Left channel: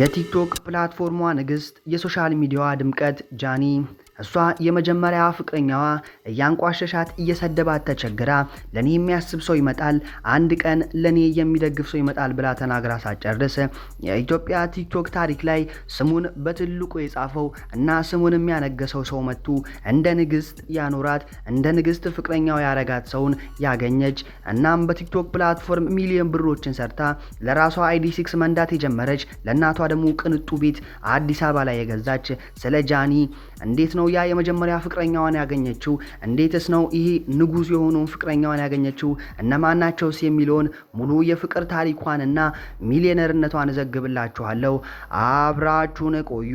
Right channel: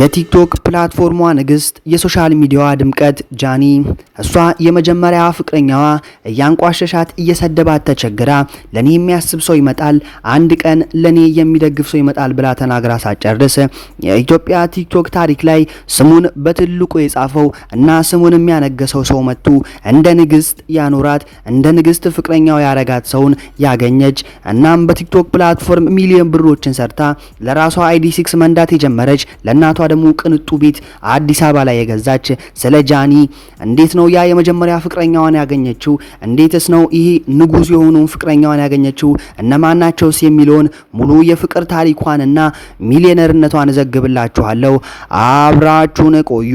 የቲክቶክ ፕላትፎርሟ ንግስት የሶሻል ሚዲያዋ ድምቀት ጃኒ እሷ የመጀመሪያ ፍቅረኛዋ እያንቋሸሻት እየሰደባት ተቸግራ ለኔ የሚያስብ ሰው ይመጣል፣ አንድ ቀን ለኔ የሚደግፍ ሰው ይመጣል ብላ ተናግራ ሳጨርስ የኢትዮጵያ ቲክቶክ ታሪክ ላይ ስሙን በትልቁ የጻፈው እና ስሙን የሚያነገሰው ሰው መጥቶ እንደ ንግስት ያኖራት እንደ ንግስት ፍቅረኛው ያረጋት ሰውን ያገኘች እናም በቲክቶክ ፕላትፎርም ሚሊዮን ብሮችን ሰርታ ለራሷ ID6 መንዳት የጀመረች ለእናቷ ደግሞ ቅንጡ ቤት አዲስ አበባ ላይ የገዛች ስለ ጃኒ እንዴት ነው ያ የመጀመሪያ ፍቅረኛዋን ያገኘችው? እንዴትስ ነው ይሄ ንጉስ የሆነው ፍቅረኛዋን ያገኘችው? እነማናቸውስ የሚለውን ሙሉ የፍቅር ታሪኳንና ሚሊዮነርነቷን ዘግብላችኋለሁ። አብራችሁን ቆዩ።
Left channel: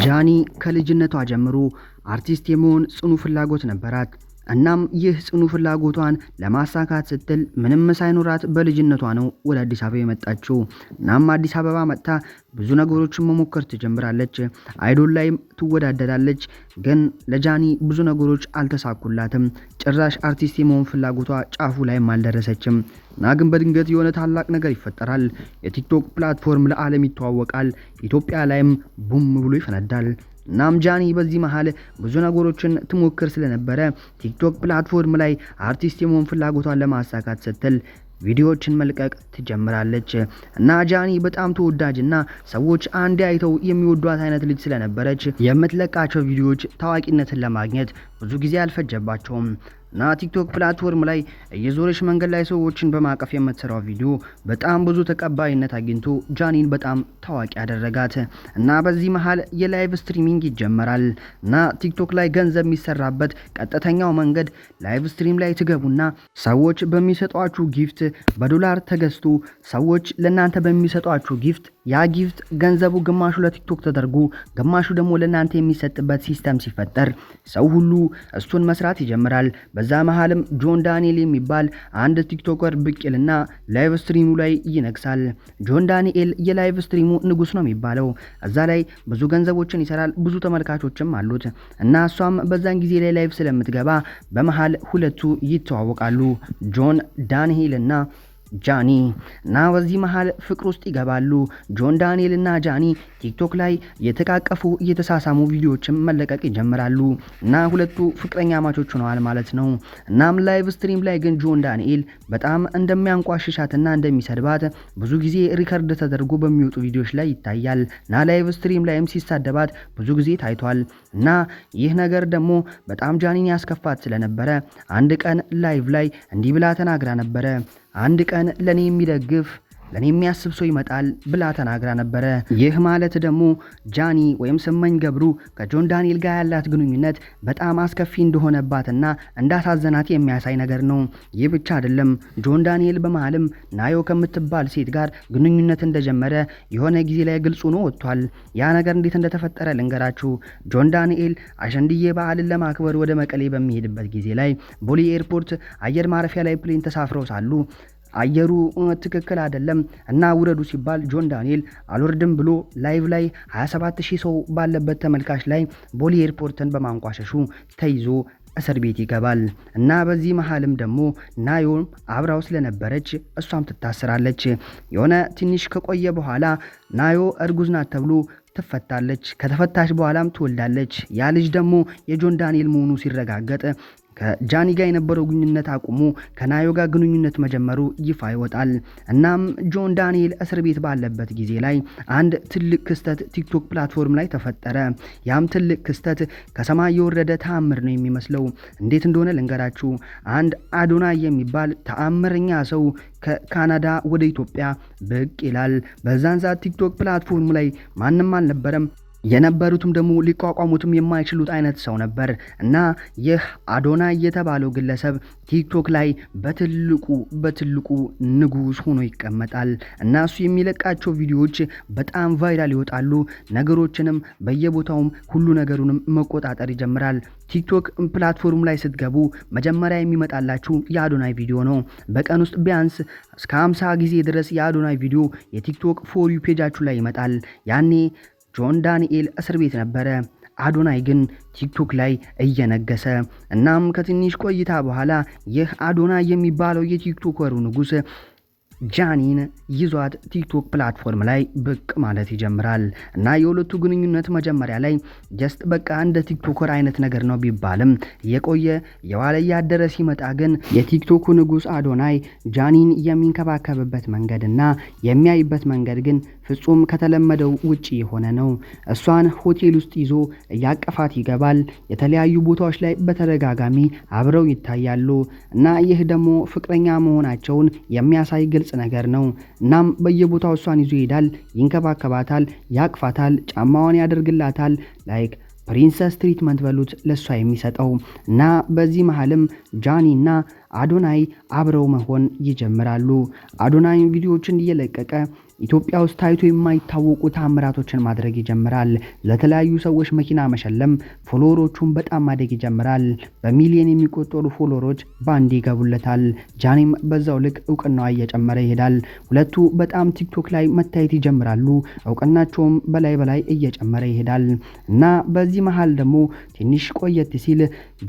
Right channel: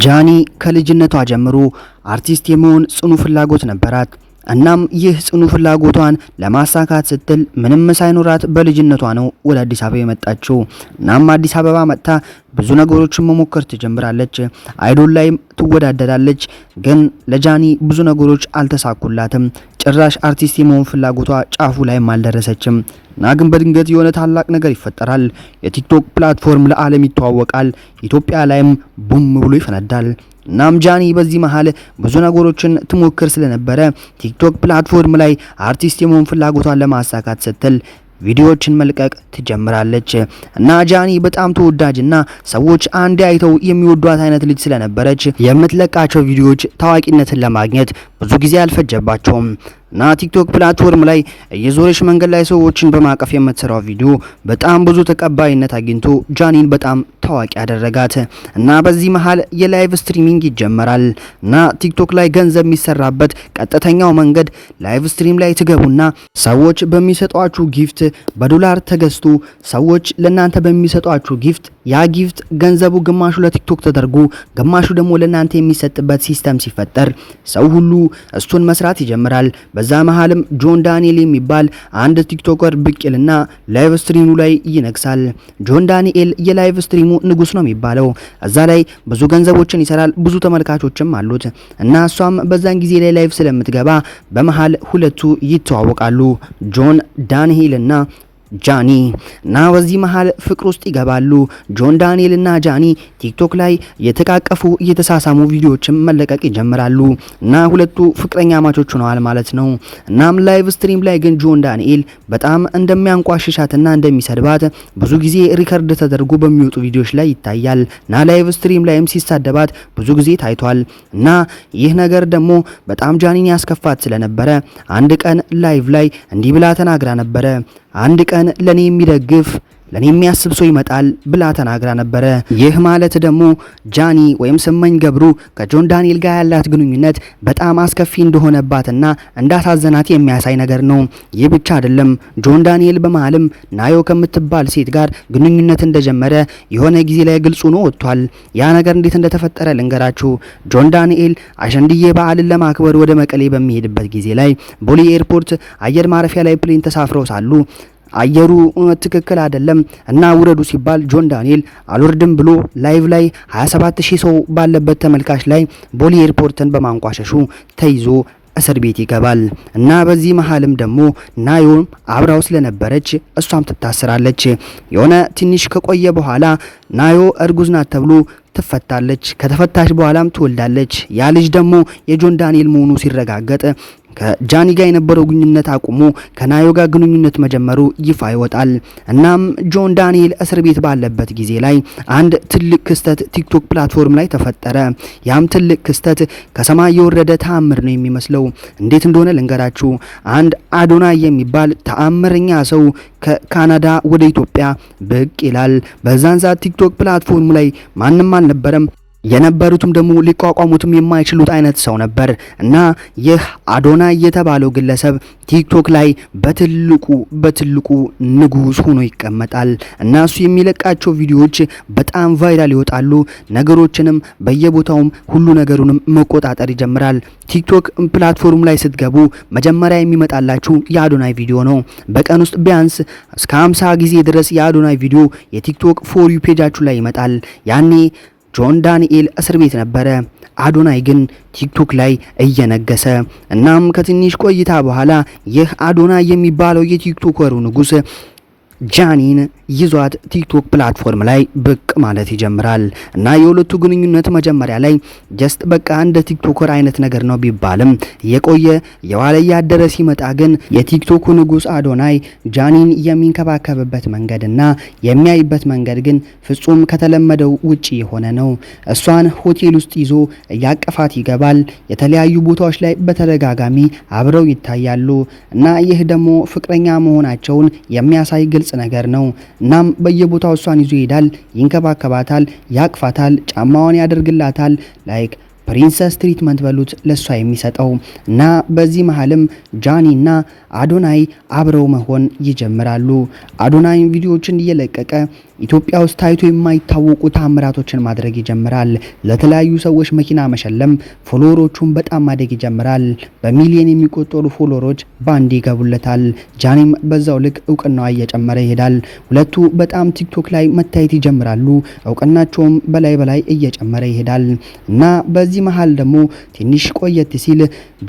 ጃኒ ከልጅነቷ ጀምሮ አርቲስት የመሆን ጽኑ ፍላጎት ነበራት። እናም ይህ ጽኑ ፍላጎቷን ለማሳካት ስትል ምንም ሳይኖራት በልጅነቷ ነው ወደ አዲስ አበባ የመጣችው። እናም አዲስ አበባ መጥታ ብዙ ነገሮችን መሞከር ትጀምራለች። አይዶል ላይም ትወዳደራለች። ግን ለጃኒ ብዙ ነገሮች አልተሳኩላትም። ጭራሽ አርቲስት የመሆን ፍላጎቷ ጫፉ ላይም አልደረሰችም። እና ግን በድንገት የሆነ ታላቅ ነገር ይፈጠራል። የቲክቶክ ፕላትፎርም ለዓለም ይተዋወቃል። ኢትዮጵያ ላይም ቡም ብሎ ይፈነዳል። እናም ጃኒ በዚህ መሃል ብዙ ነገሮችን ትሞክር ስለነበረ ቲክቶክ ፕላትፎርም ላይ አርቲስት የመሆን ፍላጎቷን ለማሳካት ስትል ቪዲዮዎችን መልቀቅ ትጀምራለች። እና ጃኒ በጣም ተወዳጅና ሰዎች አንዴ አይተው የሚወዷት አይነት ልጅ ስለነበረች የምትለቃቸው ቪዲዮዎች ታዋቂነትን ለማግኘት ብዙ ጊዜ አልፈጀባቸውም። እና ቲክቶክ ፕላትፎርም ላይ የዞረሽ መንገድ ላይ ሰዎችን በማቀፍ የምትሰራው ቪዲዮ በጣም ብዙ ተቀባይነት አግኝቶ ጃኒን በጣም ታዋቂ ያደረጋት። እና በዚህ መሃል የላይቭ ስትሪሚንግ ይጀመራል። እና ቲክቶክ ላይ ገንዘብ የሚሰራበት ቀጥተኛው መንገድ ላይቭ ስትሪም ላይ ትገቡና ሰዎች በሚሰጧችሁ ጊፍት በዶላር ተገዝቶ ሰዎች ለናንተ በሚሰጧችሁ ጊፍት ያ ጊፍት ገንዘቡ ግማሹ ለቲክቶክ ተደርጎ ግማሹ ደግሞ ለናንተ የሚሰጥበት ሲስተም ሲፈጠር ሰው ሁሉ እሱን መስራት ይጀምራል። በዛ መሃልም ጆን ዳንኤል የሚባል አንድ ቲክቶከር ብቅልና ላይቭ ስትሪሙ ላይ ይነግሳል። ጆን ዳንኤል የላይቭ ስትሪሙ ንጉስ ነው የሚባለው። እዛ ላይ ብዙ ገንዘቦችን ይሰራል፣ ብዙ ተመልካቾችም አሉት። እና እሷም በዛን ጊዜ ላይ ላይቭ ስለምትገባ በመሃል ሁለቱ ይተዋወቃሉ፣ ጆን ዳንኤል እና ጃኒ። እና በዚህ መሃል ፍቅር ውስጥ ይገባሉ። ጆን ዳንኤል እና ጃኒ ቲክቶክ ላይ የተቃቀፉ እየተሳሳሙ ቪዲዮዎችን መለቀቅ ይጀምራሉ። እና ሁለቱ ፍቅረኛ ማቾች ሆነዋል ማለት ነው። እናም ላይቭ ስትሪም ላይ ግን ጆን ዳንኤል በጣም እንደሚያንቋሽሻትና እንደሚሰድባት ብዙ ጊዜ ሪከርድ ተደርጎ በሚወጡ ቪዲዮዎች ላይ ይታያል። እና ላይቭ ስትሪም ላይም ሲሳደባት ብዙ ጊዜ ታይቷል። እና ይህ ነገር ደግሞ በጣም ጃኒን ያስከፋት ስለነበረ አንድ ቀን ላይቭ ላይ እንዲህ ብላ ተናግራ ነበረ። አንድ ቀን ለኔ የሚደግፍ ለኔ የሚያስብ ሰው ይመጣል ብላ ተናግራ ነበረ። ይህ ማለት ደግሞ ጃኒ ወይም ስመኝ ገብሩ ከጆን ዳንኤል ጋር ያላት ግንኙነት በጣም አስከፊ እንደሆነባትና እንዳሳዘናት የሚያሳይ ነገር ነው። ይህ ብቻ አይደለም። ጆን ዳንኤል በመሃልም ናዮ ከምትባል ሴት ጋር ግንኙነት እንደጀመረ የሆነ ጊዜ ላይ ግልጹ ነው ወጥቷል። ያ ነገር እንዴት እንደተፈጠረ ልንገራችሁ። ጆን ዳንኤል አሸንድዬ በዓልን ለማክበር ወደ መቀሌ በሚሄድበት ጊዜ ላይ ቦሌ ኤርፖርት አየር ማረፊያ ላይ ፕሌን ተሳፍረው ሳሉ አየሩ ትክክል አይደለም እና ውረዱ ሲባል ጆን ዳንኤል አልወርድም ብሎ ላይቭ ላይ 27000 ሰው ባለበት ተመልካች ላይ ቦሌ ኤርፖርትን በማንቋሸሹ ተይዞ እስር ቤት ይገባል። እና በዚህ መሃልም ደግሞ ናዮ አብራው ስለነበረች እሷም ትታሰራለች። የሆነ ትንሽ ከቆየ በኋላ ናዮ እርጉዝ ናት ተብሎ ትፈታለች። ከተፈታች በኋላም ትወልዳለች። ያ ልጅ ደግሞ የጆን ዳንኤል መሆኑ ሲረጋገጥ ከጃኒ ጋር የነበረው ግንኙነት አቁሞ ከናዮ ጋር ግንኙነት መጀመሩ ይፋ ይወጣል። እናም ጆን ዳንኤል እስር ቤት ባለበት ጊዜ ላይ አንድ ትልቅ ክስተት ቲክቶክ ፕላትፎርም ላይ ተፈጠረ። ያም ትልቅ ክስተት ከሰማይ የወረደ ተአምር ነው የሚመስለው። እንዴት እንደሆነ ልንገራችሁ። አንድ አዶናይ የሚባል ተአምረኛ ሰው ከካናዳ ወደ ኢትዮጵያ ብቅ ይላል። በዛን ሰዓት ቲክቶክ ፕላትፎርም ላይ ማንም አልነበረም። የነበሩትም ደግሞ ሊቋቋሙትም የማይችሉት አይነት ሰው ነበር። እና ይህ አዶናይ የተባለው ግለሰብ ቲክቶክ ላይ በትልቁ ንጉስ ሆኖ ይቀመጣል። እና እሱ የሚለቃቸው ቪዲዮዎች በጣም ቫይራል ይወጣሉ። ነገሮችንም በየቦታውም ሁሉ ነገሩንም መቆጣጠር ይጀምራል። ቲክቶክ ፕላትፎርም ላይ ስትገቡ መጀመሪያ የሚመጣላችሁ የአዶናይ ቪዲዮ ነው። በቀን ውስጥ ቢያንስ እስከ 50 ጊዜ ድረስ የአዶናይ ቪዲዮ የቲክቶክ ፎር ዩ ፔጃችሁ ላይ ይመጣል። ያኔ ጆን ዳንኤል እስር ቤት ነበረ። አዶናይ ግን ቲክቶክ ላይ እየነገሰ እናም ከትንሽ ቆይታ በኋላ ይህ አዶናይ የሚባለው የቲክቶከሩ ንጉስ ጃኒን ይዟት ቲክቶክ ፕላትፎርም ላይ ብቅ ማለት ይጀምራል እና የሁለቱ ግንኙነት መጀመሪያ ላይ ጀስት በቃ እንደ ቲክቶከር አይነት ነገር ነው ቢባልም የቆየ የዋለ ያደረ ሲመጣ ግን የቲክቶኩ ንጉስ አዶናይ ጃኒን የሚንከባከብበት መንገድና የሚያይበት መንገድ ግን ፍጹም ከተለመደው ውጪ የሆነ ነው። እሷን ሆቴል ውስጥ ይዞ እያቀፋት ይገባል። የተለያዩ ቦታዎች ላይ በተደጋጋሚ አብረው ይታያሉ እና ይህ ደግሞ ፍቅረኛ መሆናቸውን የሚያሳይ ግልጽ ነገር ነው። እናም በየቦታው እሷን ይዞ ይሄዳል፣ ይንከባከባታል፣ ያቅፋታል፣ ጫማዋን ያደርግላታል። ላይክ ፕሪንሰስ ትሪትመንት በሉት ለሷ የሚሰጠው እና በዚህ መሃልም ጃኒና አዶናይ አብረው መሆን ይጀምራሉ። አዶናይ ቪዲዮዎችን እየለቀቀ ኢትዮጵያ ውስጥ ታይቶ የማይታወቁ ታምራቶችን ማድረግ ይጀምራል። ለተለያዩ ሰዎች መኪና መሸለም፣ ፎሎወሮቹን በጣም ማደግ ይጀምራል። በሚሊዮን የሚቆጠሩ ፎሎወሮች ባንድ ይገቡለታል። ጃኒም በዛው ልክ እውቅናዋ እየጨመረ ይሄዳል። ሁለቱ በጣም ቲክቶክ ላይ መታየት ይጀምራሉ። እውቅናቸውም በላይ እየጨመረ ይሄዳል እና በዚህ መሃል ደግሞ ትንሽ ቆየት ሲል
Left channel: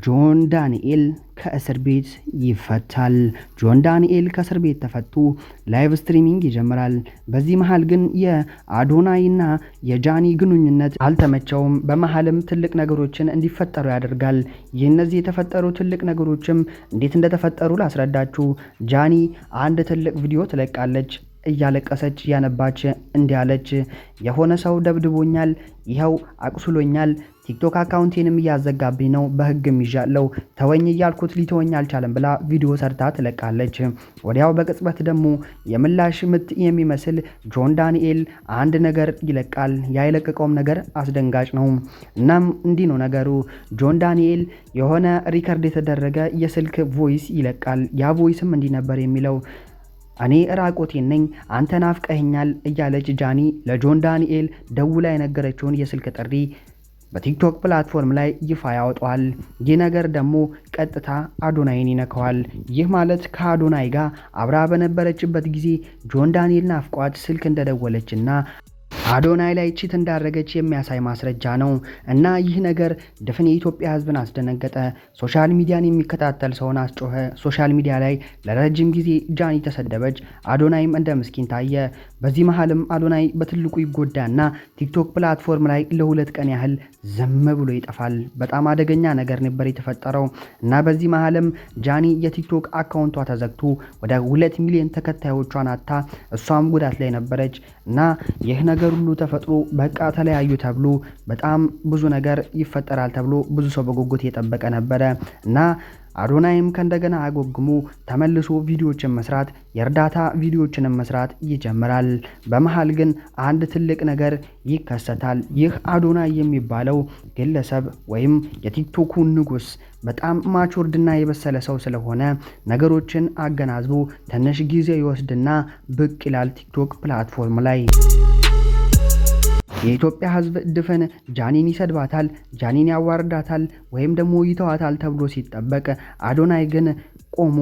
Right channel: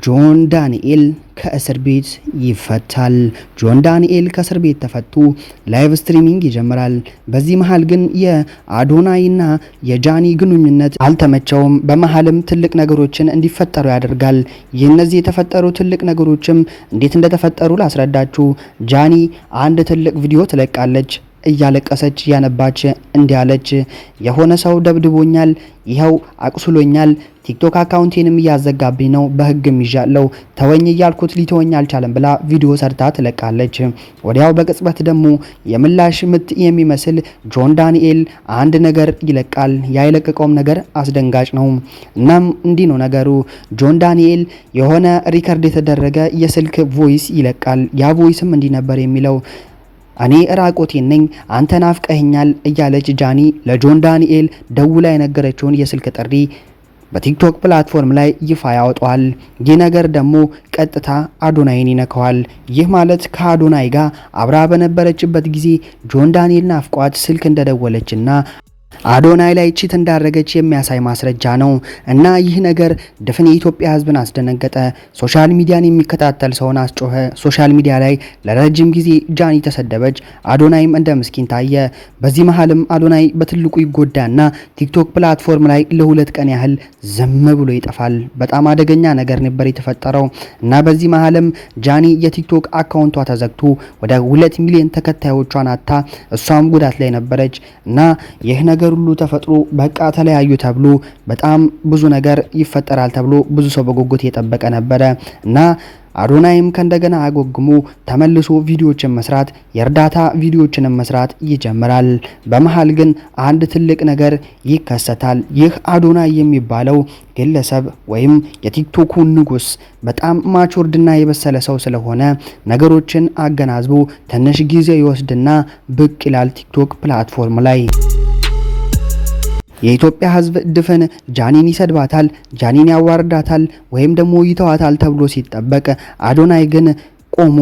ጆን ዳንኤል ከእስር ቤት ይፈታል። ጆን ዳንኤል ከእስር ቤት ተፈቱ። ላይቭ ስትሪሚንግ ይጀምራል። በዚህ መሃል ግን የአዶናይና የጃኒ ግንኙነት አልተመቸውም። በመሃልም ትልቅ ነገሮችን እንዲፈጠሩ ያደርጋል። የእነዚህ የተፈጠሩ ትልቅ ነገሮችም እንዴት እንደተፈጠሩ ላስረዳችሁ። ጃኒ አንድ ትልቅ ቪዲዮ ትለቃለች። እያለቀሰች ያነባች እንዲያለች የሆነ ሰው ደብድቦኛል፣ ይኸው አቁስሎኛል፣ ቲክቶክ አካውንቴንም እያዘጋብኝ ነው፣ በህግም ይዣለው፣ ተወኝ እያልኩት ሊተወኝ አልቻለም ብላ ቪዲዮ ሰርታ ትለቃለች። ወዲያው በቅጽበት ደግሞ የምላሽ ምት የሚመስል ጆን ዳንኤል አንድ ነገር ይለቃል። ያ የለቀቀውም ነገር አስደንጋጭ ነው። እናም እንዲህ ነው ነገሩ። ጆን ዳንኤል የሆነ ሪከርድ የተደረገ የስልክ ቮይስ ይለቃል። ያ ቮይስም እንዲህ ነበር የሚለው እኔ ራቆቴን ነኝ፣ አንተ ናፍቀኸኛል እያለች ጃኒ ለጆን ዳንኤል ደውላ የነገረችውን የስልክ ጥሪ በቲክቶክ ፕላትፎርም ላይ ይፋ ያወጣዋል። ይህ ነገር ደግሞ ቀጥታ አዶናይን ይነካዋል። ይህ ማለት ከአዶናይ ጋር አብራ በነበረችበት ጊዜ ጆን ዳንኤል ናፍቋት ስልክ እንደደወለችና አዶናይ ላይ ቺት እንዳረገች የሚያሳይ ማስረጃ ነው እና ይህ ነገር ድፍን የኢትዮጵያ ሕዝብን አስደነገጠ። ሶሻል ሚዲያን የሚከታተል ሰውን አስጮኸ። ሶሻል ሚዲያ ላይ ለረጅም ጊዜ ጃኒ ተሰደበች፣ አዶናይም እንደ ምስኪን ታየ። በዚህ መሃልም አዶናይ በትልቁ ይጎዳና ቲክቶክ ፕላትፎርም ላይ ለ2 ቀን ያህል ዝም ብሎ ይጠፋል። በጣም አደገኛ ነገር ነበር የተፈጠረው እና በዚህ መሃልም ጃኒ የቲክቶክ አካውንቷ ተዘግቶ ወደ 2 ሚሊዮን ተከታዮቿን አጣ። እሷም ጉዳት ላይ ነበረች እና ይህ ነገር ሁሉ ተፈጥሮ በቃ ተለያዩ ተብሎ በጣም ብዙ ነገር ይፈጠራል ተብሎ ብዙ ሰው በጉጉት የጠበቀ ነበረ እና አዶናይም ከእንደገና አጎግሞ ተመልሶ ቪዲዮዎችን መስራት፣ የእርዳታ ቪዲዮዎችን መስራት ይጀምራል። በመሃል ግን አንድ ትልቅ ነገር ይከሰታል። ይህ አዶናይ የሚባለው ግለሰብ ወይም የቲክቶኩ ንጉስ በጣም ማቹርድና የበሰለ ሰው ስለሆነ ነገሮችን አገናዝቦ ትንሽ ጊዜ ይወስድና ብቅ ይላል ቲክቶክ ፕላትፎርም ላይ። የኢትዮጵያ ሕዝብ ድፍን ጃኒን ይሰድባታል፣ ጃኒን ያዋርዳታል ወይም ደግሞ ይተዋታል ተብሎ ሲጠበቅ አዶናይ ግን ቆሞ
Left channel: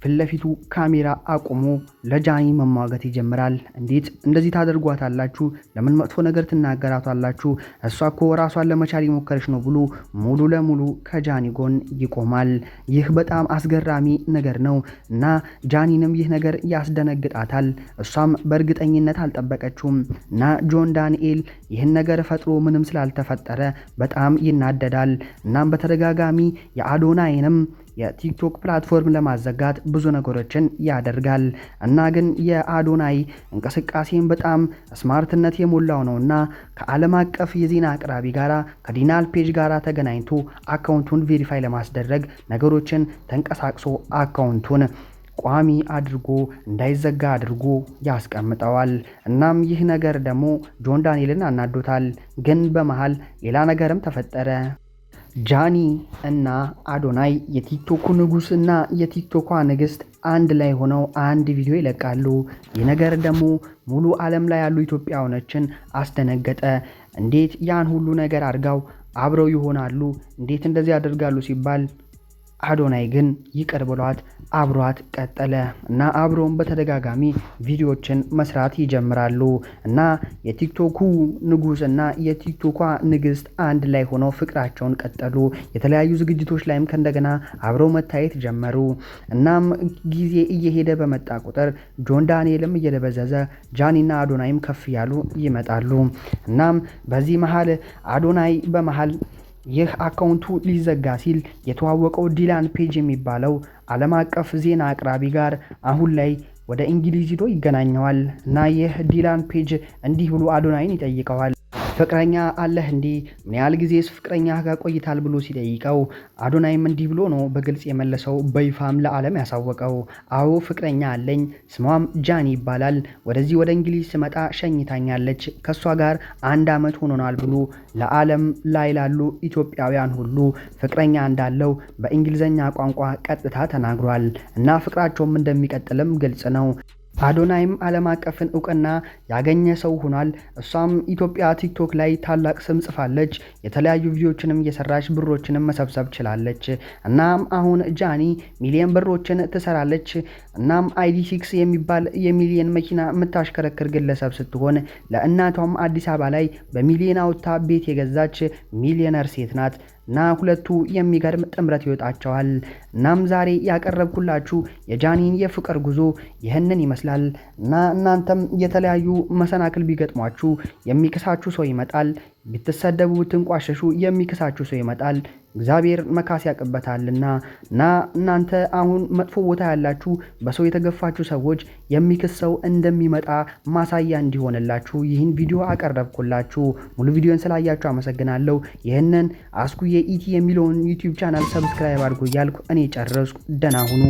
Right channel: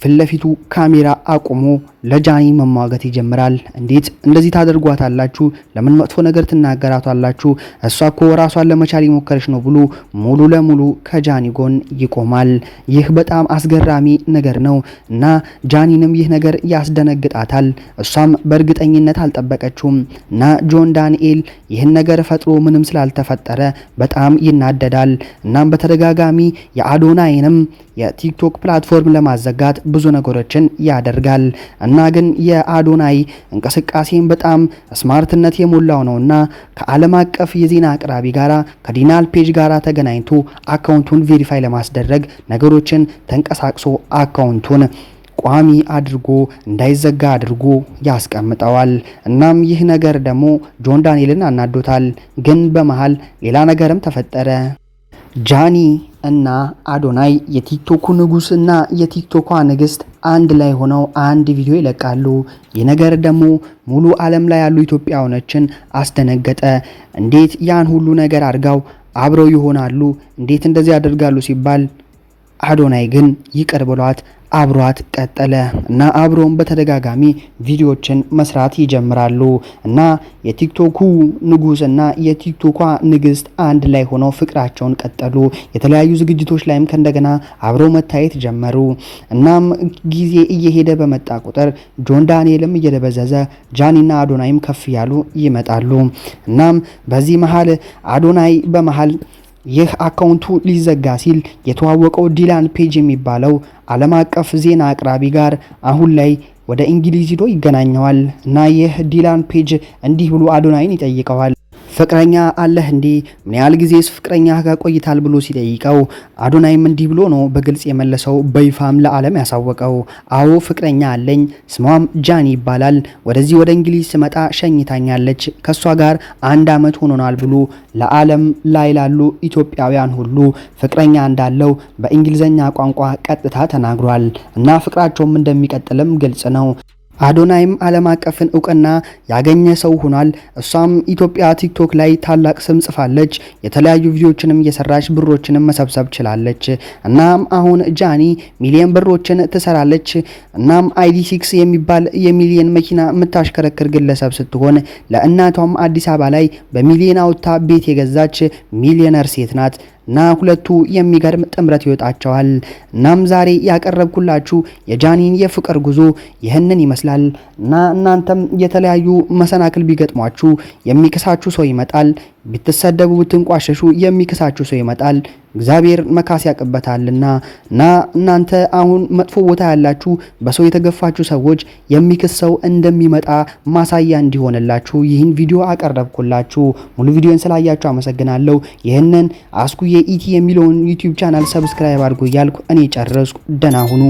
ፊትለፊቱ ካሜራ አቁሞ ለጃኒ መሟገት ይጀምራል። እንዴት እንደዚህ ታደርጓታላችሁ? ለምን መጥፎ ነገር ትናገራቷላችሁ? እሷ እኮ ራሷን ለመቻል የሞከረች ነው ብሎ ሙሉ ለሙሉ ከጃኒ ጎን ይቆማል። ይህ በጣም አስገራሚ ነገር ነው እና ጃኒንም ይህ ነገር ያስደነግጣታል። እሷም በእርግጠኝነት አልጠበቀችውም እና ጆን ዳንኤል ይህን ነገር ፈጥሮ ምንም ስላልተፈጠረ በጣም ይናደዳል። እናም በተደጋጋሚ የአዶናይንም የቲክቶክ ፕላትፎርም ለማዘጋት ብዙ ነገሮችን ያደርጋል እና ግን የአዶናይ እንቅስቃሴን በጣም ስማርትነት የሞላው ነውና ከዓለም አቀፍ የዜና አቅራቢ ጋራ ከዲናል ፔጅ ጋራ ተገናኝቶ አካውንቱን ቬሪፋይ ለማስደረግ ነገሮችን ተንቀሳቅሶ አካውንቱን ቋሚ አድርጎ እንዳይዘጋ አድርጎ ያስቀምጠዋል። እናም ይህ ነገር ደግሞ ጆን ዳንኤልን አናዶታል። ግን በመሃል ሌላ ነገርም ተፈጠረ። ጃኒ እና አዶናይ የቲክቶኩ ንጉስና የቲክቶኳ ንግስት አንድ ላይ ሆነው አንድ ቪዲዮ ይለቃሉ። ይህ ነገር ደግሞ ሙሉ ዓለም ላይ ያሉ ኢትዮጵያውያኖችን አስደነገጠ። እንዴት ያን ሁሉ ነገር አድርገው አብረው ይሆናሉ? እንዴት እንደዚህ ያደርጋሉ ሲባል አዶናይ ግን ይቅር ብሏት አብሯት ቀጠለ እና አብሮም በተደጋጋሚ ቪዲዮዎችን መስራት ይጀምራሉ እና የቲክቶኩ ንጉስ እና የቲክቶኳ ንግስት አንድ ላይ ሆነው ፍቅራቸውን ቀጠሉ። የተለያዩ ዝግጅቶች ላይም ከእንደገና አብረው መታየት ጀመሩ። እናም ጊዜ እየሄደ በመጣ ቁጥር ጆን ዳንኤልም እየደበዘዘ ጃኒና አዶናይም ከፍ ያሉ ይመጣሉ። እናም በዚህ መሃል አዶናይ በመሃል ይህ አካውንቱ ሊዘጋ ሲል የተዋወቀው ዲላን ፔጅ የሚባለው ዓለም አቀፍ ዜና አቅራቢ ጋር አሁን ላይ ወደ እንግሊዝ ሄዶ ይገናኘዋል እና ይህ ዲላን ፔጅ እንዲህ ብሎ አዶናይን ይጠይቀዋል። ፍቅረኛ አለህ እንዴ? ምን ያህል ጊዜስ ፍቅረኛ ጋር ቆይታል ብሎ ሲጠይቀው አዶናይም እንዲህ ብሎ ነው በግልጽ የመለሰው፣ በይፋም ለዓለም ያሳወቀው። አዎ ፍቅረኛ አለኝ፣ ስሟም ጃኒ ይባላል። ወደዚህ ወደ እንግሊዝ ስመጣ ሸኝታኛለች። ከሷ ጋር 1 ዓመት ሆኖናል ብሎ ለዓለም ላይ ላሉ ኢትዮጵያውያን ሁሉ ፍቅረኛ እንዳለው በእንግሊዘኛ ቋንቋ ቀጥታ ተናግሯል እና ፍቅራቸውም እንደሚቀጥልም ግልጽ ነው። አዶናይም ዓለም አቀፍን እውቅና ያገኘ ሰው ሆኗል። እሷም ኢትዮጵያ ቲክቶክ ላይ ታላቅ ስም ጽፋለች። የተለያዩ ቪዲዮዎችንም እየሰራች ብሮችንም መሰብሰብ ችላለች። እናም አሁን ጃኒ ሚሊዮን ብሮችን ትሰራለች። እናም ID6 የሚባል የሚሊዮን መኪና የምታሽከረክር ግለሰብ ስትሆን ለእናቷም አዲስ አበባ ላይ በሚሊዮን አውጥታ ቤት የገዛች ሚሊዮነር ሴት ናት። እና ሁለቱ የሚገርም ጥምረት ይወጣቸዋል። እናም ዛሬ ያቀረብኩላችሁ የጃኒን የፍቅር ጉዞ ይህንን ይመስላል እና እናንተም የተለያዩ መሰናክል ቢገጥሟችሁ የሚክሳችሁ ሰው ይመጣል። ብትሰደቡ ብትንቋሸሹ የሚክሳችሁ ሰው ይመጣል። እግዚአብሔር መካስ ያቅበታልና እና እናንተ አሁን መጥፎ ቦታ ያላችሁ በሰው የተገፋችሁ ሰዎች የሚክስ ሰው እንደሚመጣ ማሳያ እንዲሆንላችሁ ይህን ቪዲዮ አቀረብኩላችሁ። ሙሉ ቪዲዮን ስላያችሁ አመሰግናለሁ። ይህንን አስኩዬ ኢቲ የሚለውን ዩቲዩብ ቻናል ሰብስክራይብ አድርጉ እያልኩ እኔ ጨረስኩ። ደህና ሁኑ።